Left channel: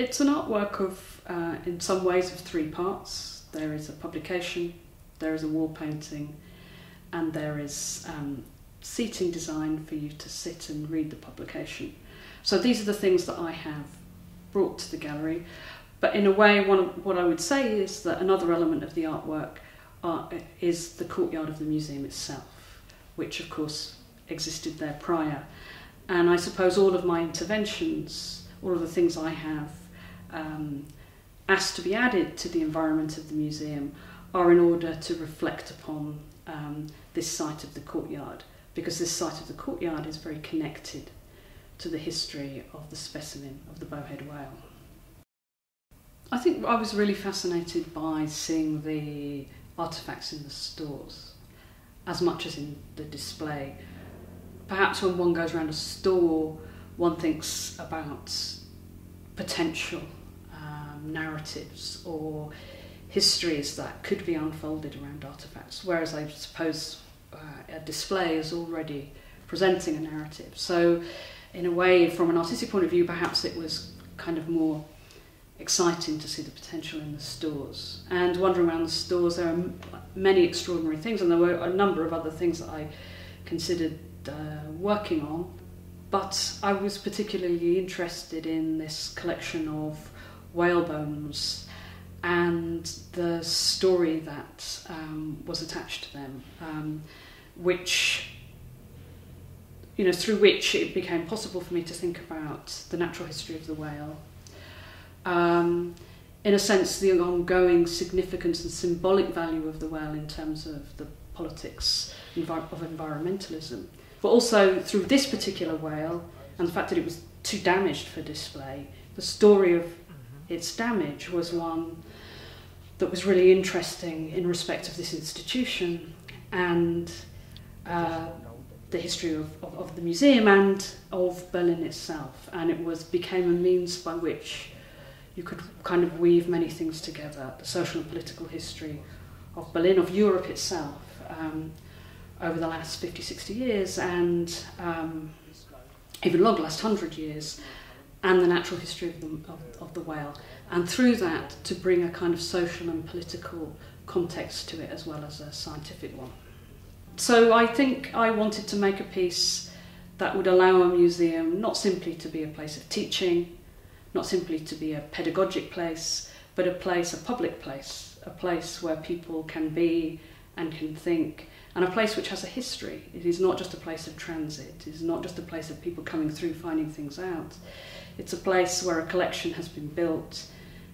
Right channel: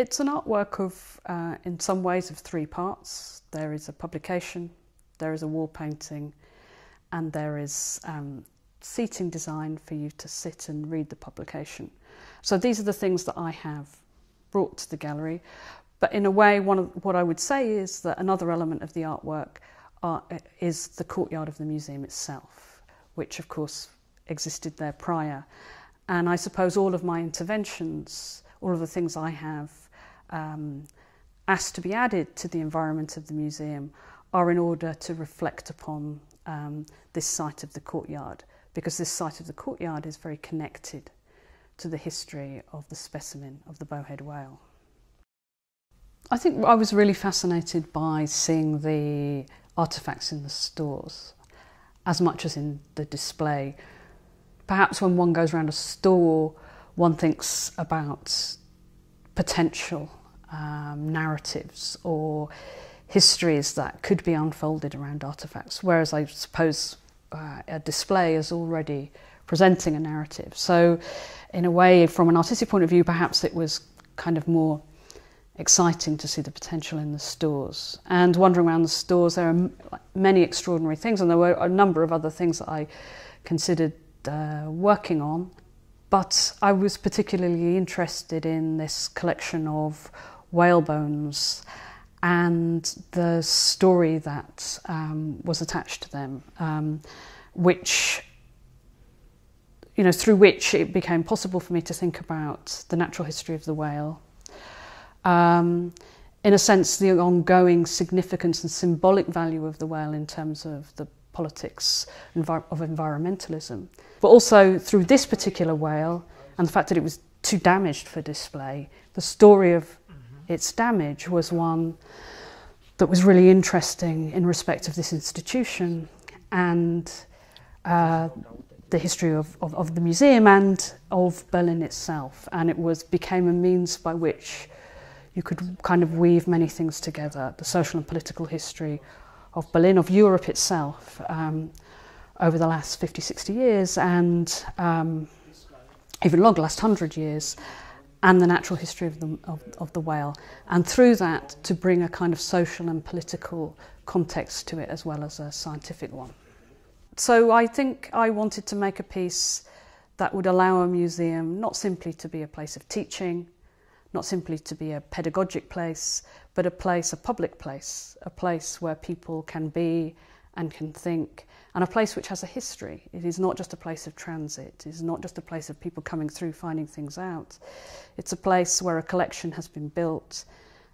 It's an artwork of, in some ways, of three parts. There is a publication, there is a wall painting, and there is seating design for you to sit and read the publication. So these are the things that I have brought to the gallery. But in a way, what I would say is that another element of the artwork is the courtyard of the museum itself, which of course existed there prior. And I suppose all of my interventions, all of the things I have asked to be added to the environment of the museum are in order to reflect upon this site of the courtyard, because this site of the courtyard is very connected to the history of the specimen of the bowhead whale. I think I was really fascinated by seeing the artefacts in the stores as much as in the display. Perhaps when one goes around a store, one thinks about potential narratives or histories that could be unfolded around artefacts, whereas I suppose a display is already presenting a narrative. So in a way, from an artistic point of view, perhaps it was kind of more exciting to see the potential in the stores. And wandering around the stores, there are many extraordinary things, and there were a number of other things that I considered working on. But I was particularly interested in this collection of whale bones and the story that was attached to them, which, you know, through which it became possible for me to think about the natural history of the whale. In a sense, the ongoing significance and symbolic value of the whale in terms of the politics of environmentalism. But also through this particular whale and the fact that it was too damaged for display, the story of its damage was one that was really interesting in respect of this institution and the history of the museum and of Berlin itself. And it became a means by which you could kind of weave many things together: the social and political history of Berlin, of Europe itself, over the last 50, 60 years, and even longer, last 100 years, and the natural history of the whale. And through that, to bring a kind of social and political context to it, as well as a scientific one. So I think I wanted to make a piece that would allow a museum not simply to be a place of teaching, not simply to be a pedagogic place, but a public place, a place where people can be and can think, and a place which has a history. It is not just a place of transit, it is not just a place of people coming through finding things out. It's a place where a collection has been built,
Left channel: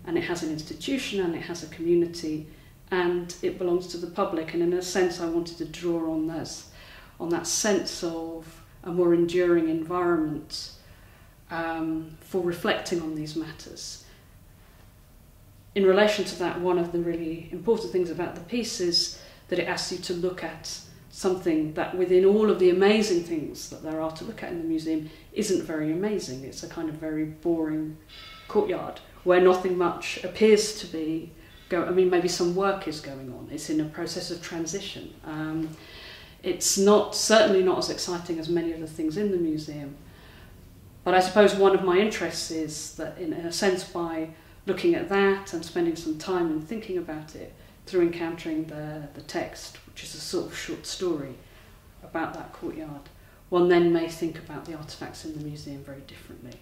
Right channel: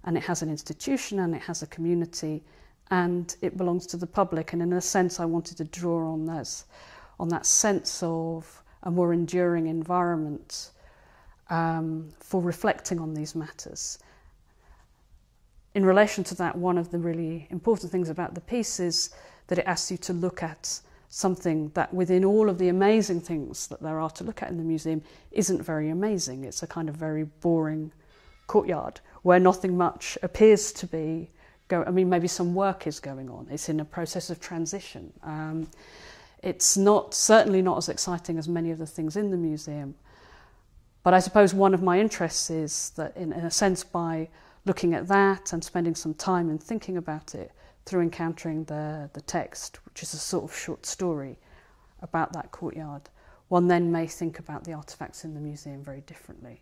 and it has an institution, and it has a community, and it belongs to the public. And in a sense, I wanted to draw on that sense of a more enduring environment for reflecting on these matters. In relation to that, one of the really important things about the piece is that it asks you to look at something that, within all of the amazing things that there are to look at in the museum, isn't very amazing. It's a kind of very boring courtyard where nothing much appears to be going. I mean, maybe some work is going on. It's in a process of transition. It's certainly not as exciting as many of the things in the museum. But I suppose one of my interests is that, in a sense, by looking at that and spending some time and thinking about it, through encountering the text, which is a sort of short story about that courtyard, one then may think about the artefacts in the museum very differently.